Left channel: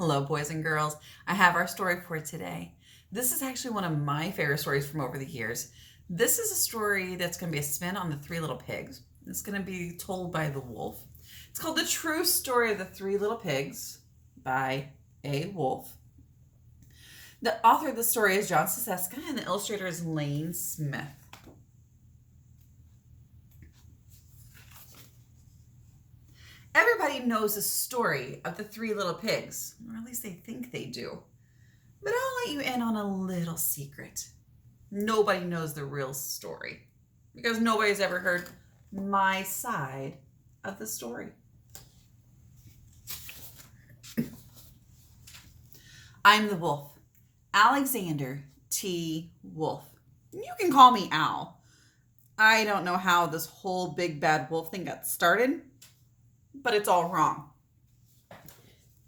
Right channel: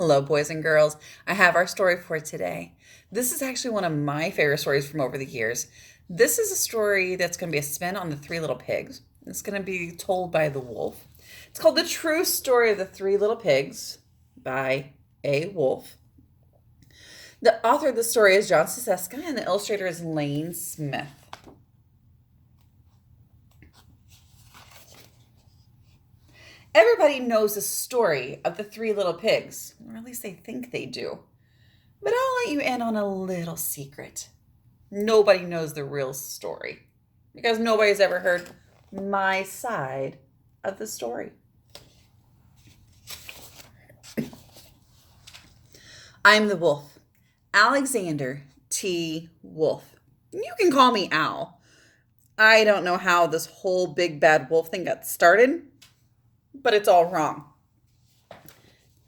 Hello, boys and girls. I have our story for today. This is actually one of my favorite stories from over the years. This is a story that's going to be a spin on the Three Little Pigs. It's going to be told by the wolf. It's called The True Story of the Three Little Pigs by A. Wolf. The author of the story is John Seseska and the illustrator is Lane Smith. Everybody knows the story of the Three Little Pigs, or at least they think they do. But I'll let you in on a little secret. Nobody knows the real story because nobody's ever heard my side of the story. I'm the wolf, Alexander T. Wolf. You can call me Al. I don't know how this whole big bad wolf thing got started, but it's all wrong.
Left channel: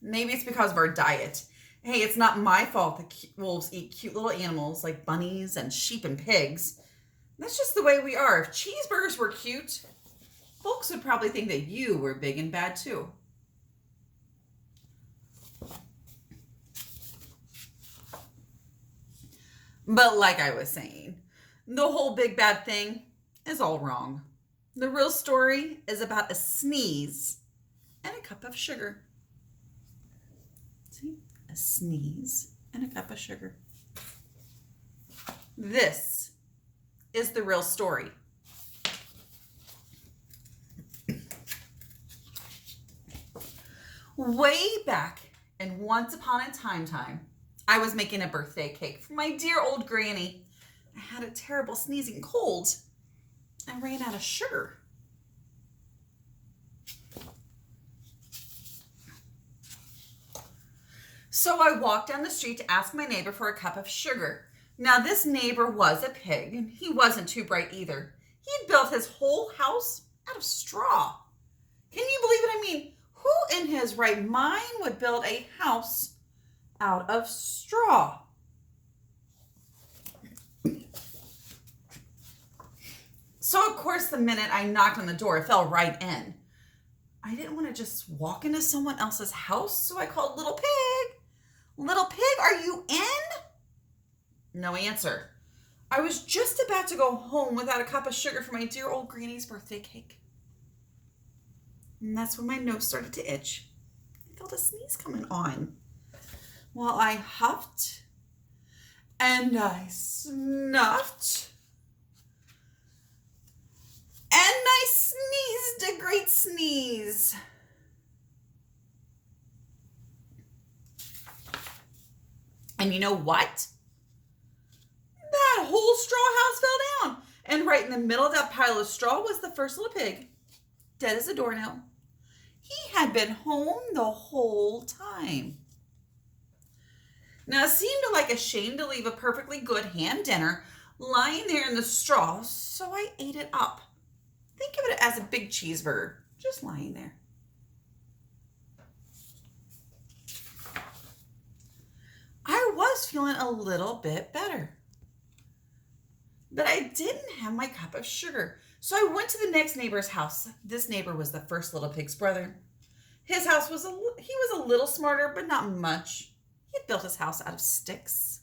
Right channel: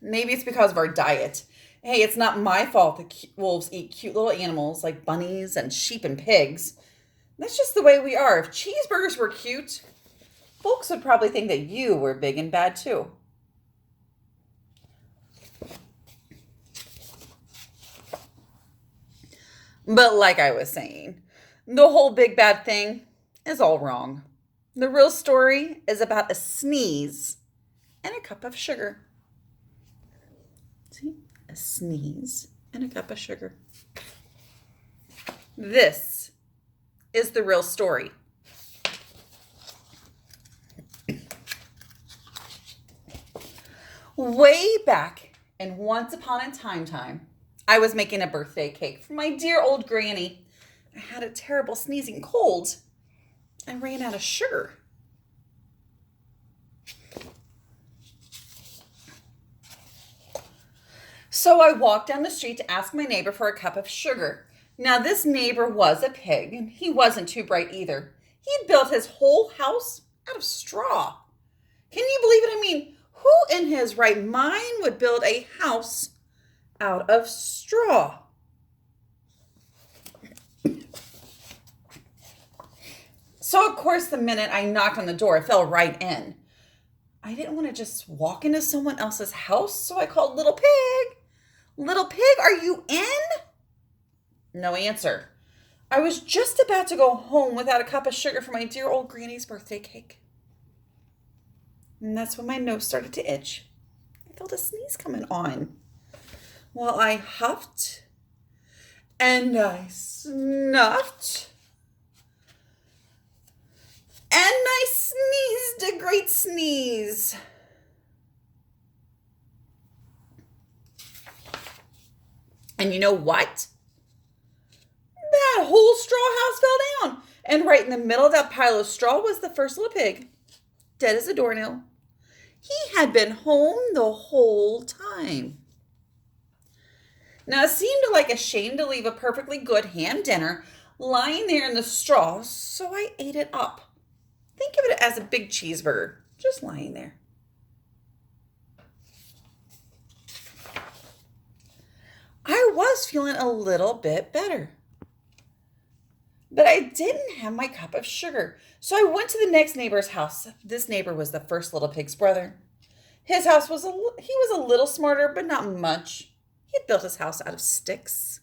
Maybe it's because of our diet. Hey, it's not my fault that wolves eat cute little animals like bunnies and sheep and pigs. That's just the way we are. If cheeseburgers were cute, folks would probably think that you were big and bad too. But like I was saying, the whole big bad thing is all wrong. The real story is about a sneeze and a cup of sugar. See? A sneeze and a cup of sugar. This is the real story. Way back and once upon a time, I was making a birthday cake for my dear old granny. I had a terrible sneezing cold and ran out of sugar. So I walked down the street to ask my neighbor for a cup of sugar. Now this neighbor was a pig, and he wasn't too bright either. He'd built his whole house out of straw. Can you believe it? I mean, who in his right mind would build a house out of straw? So, of course, the minute I knocked on the door, it fell right in. I didn't want to just walk into someone else's house, so I called Little Pig. Little Pig, are you in? No answer. I was just about to go home without a cup of sugar for my dear old granny's birthday cake. And that's when my nose started to itch. I felt a sneeze coming on. Well, I huffed and I snuffed. And I sneezed a great sneeze. And you know what? That whole straw house fell down. And right in the middle of that pile of straw was the first little pig, dead as a doornail. He had been home the whole time. Now, it seemed like a shame to leave a perfectly good ham dinner lying there in the straw, so I ate it up. Think of it as a big cheeseburger, just lying there. I was feeling a little bit better. But I didn't have my cup of sugar, so I went to the next neighbor's house. This neighbor was the first little pig's brother. His house was he was a little smarter, but not much. He had built his house out of sticks.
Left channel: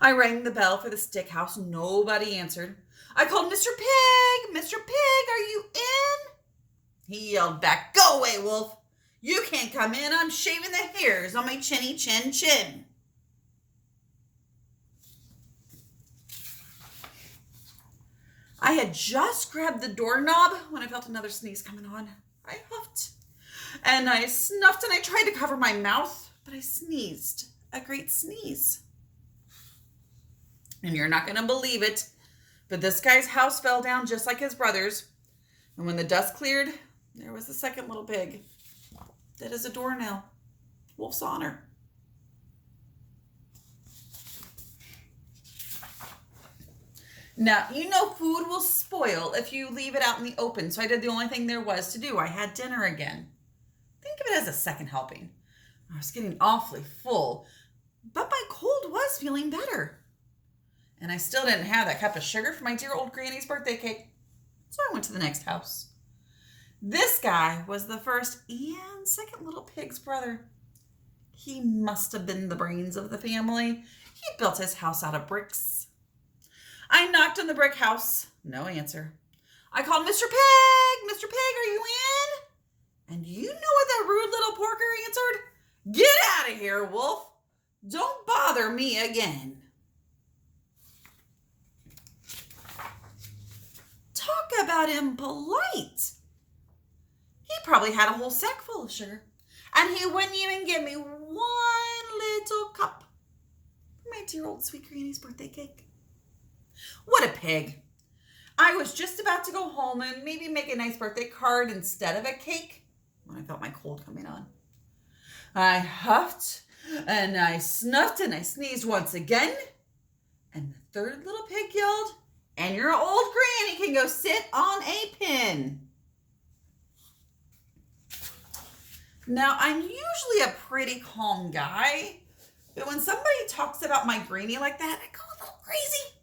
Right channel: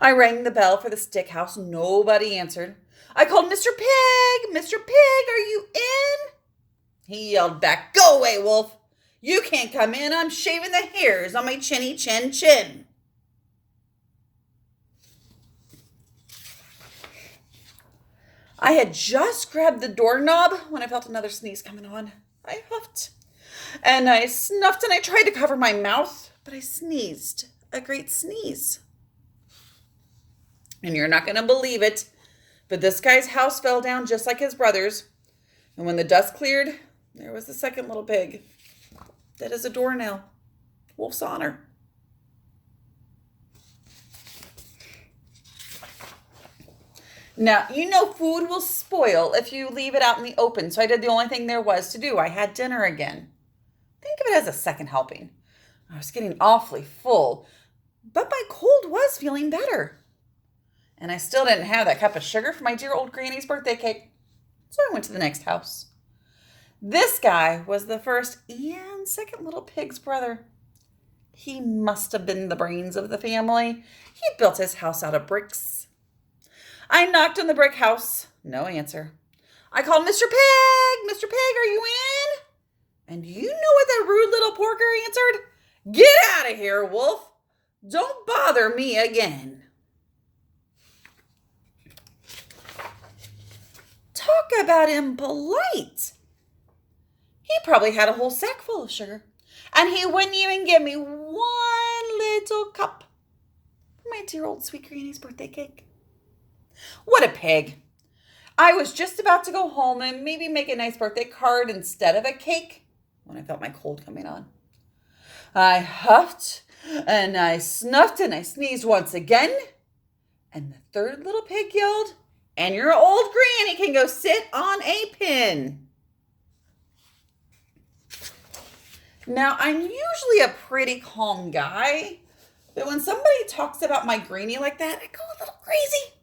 I rang the bell for the stick house. Nobody answered. I called Mr. Pig. Mr. Pig, are you in? He yelled back, "Go away, wolf. You can't come in. I'm shaving the hairs on my chinny chin chin." I had just grabbed the doorknob when I felt another sneeze coming on. I huffed and I snuffed and I tried to cover my mouth, but I sneezed a great sneeze. And you're not going to believe it, but this guy's house fell down just like his brother's. And when the dust cleared, there was the second little pig, dead as a doornail. Wolf's honor. Now, you know food will spoil if you leave it out in the open, so I did the only thing there was to do. I had dinner again. Think of it as a second helping. I was getting awfully full, but my cold was feeling better. And I still didn't have that cup of sugar for my dear old granny's birthday cake. So I went to the next house. This guy was the first and second little pig's brother. He must have been the brains of the family. He built his house out of bricks. I knocked on the brick house. No answer. I called Mr. Pig. Mr. Pig, are you in? And you know what that rude little porker answered? Get out of here, Wolf. Don't bother me again. Talk about impolite. He probably had a whole sack full of sugar, and he wouldn't even give me one little cup for my dear old sweet granny's birthday cake. What a pig. I was just about to go home and maybe make a nice birthday card instead of a cake when I felt my cold coming on. I huffed and I snuffed and I sneezed once again. And the third little pig yelled, and your old granny can go sit on a pin. Now, I'm usually a pretty calm guy, but when somebody talks about my granny like that, I go a little crazy.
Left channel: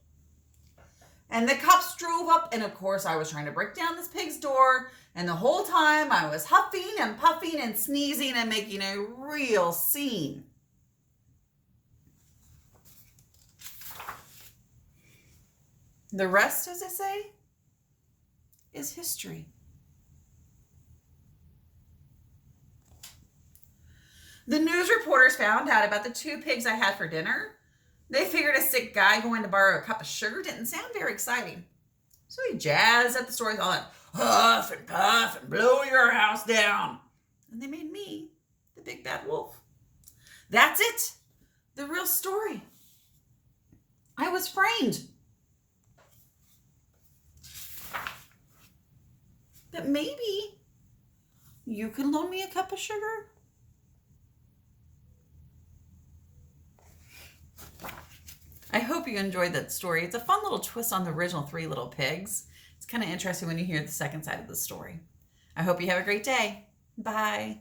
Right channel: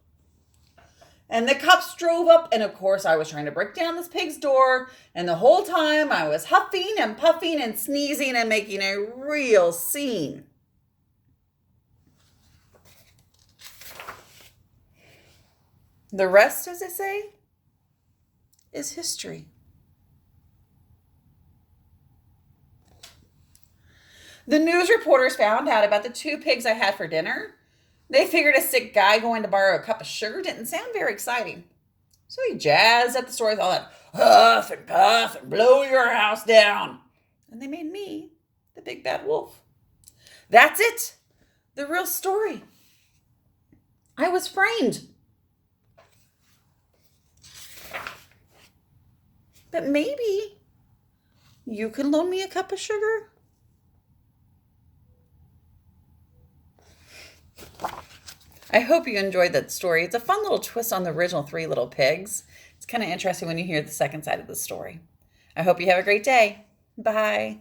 And the cops drove up, and of course, I was trying to break down this pig's door, and the whole time I was huffing and puffing and sneezing and making a real scene. The rest, as I say, is history. The news reporters found out about the 2 pigs I had for dinner. They figured a sick guy going to borrow a cup of sugar didn't sound very exciting. So he jazzed up the story with all that huff and puff and blow your house down. And they made me the big bad wolf. That's it. The real story. I was framed. But maybe you can loan me a cup of sugar? I hope you enjoyed that story. It's a fun little twist on the original 3 Little Pigs. It's kind of interesting when you hear the second side of the story. I hope you have a great day. Bye.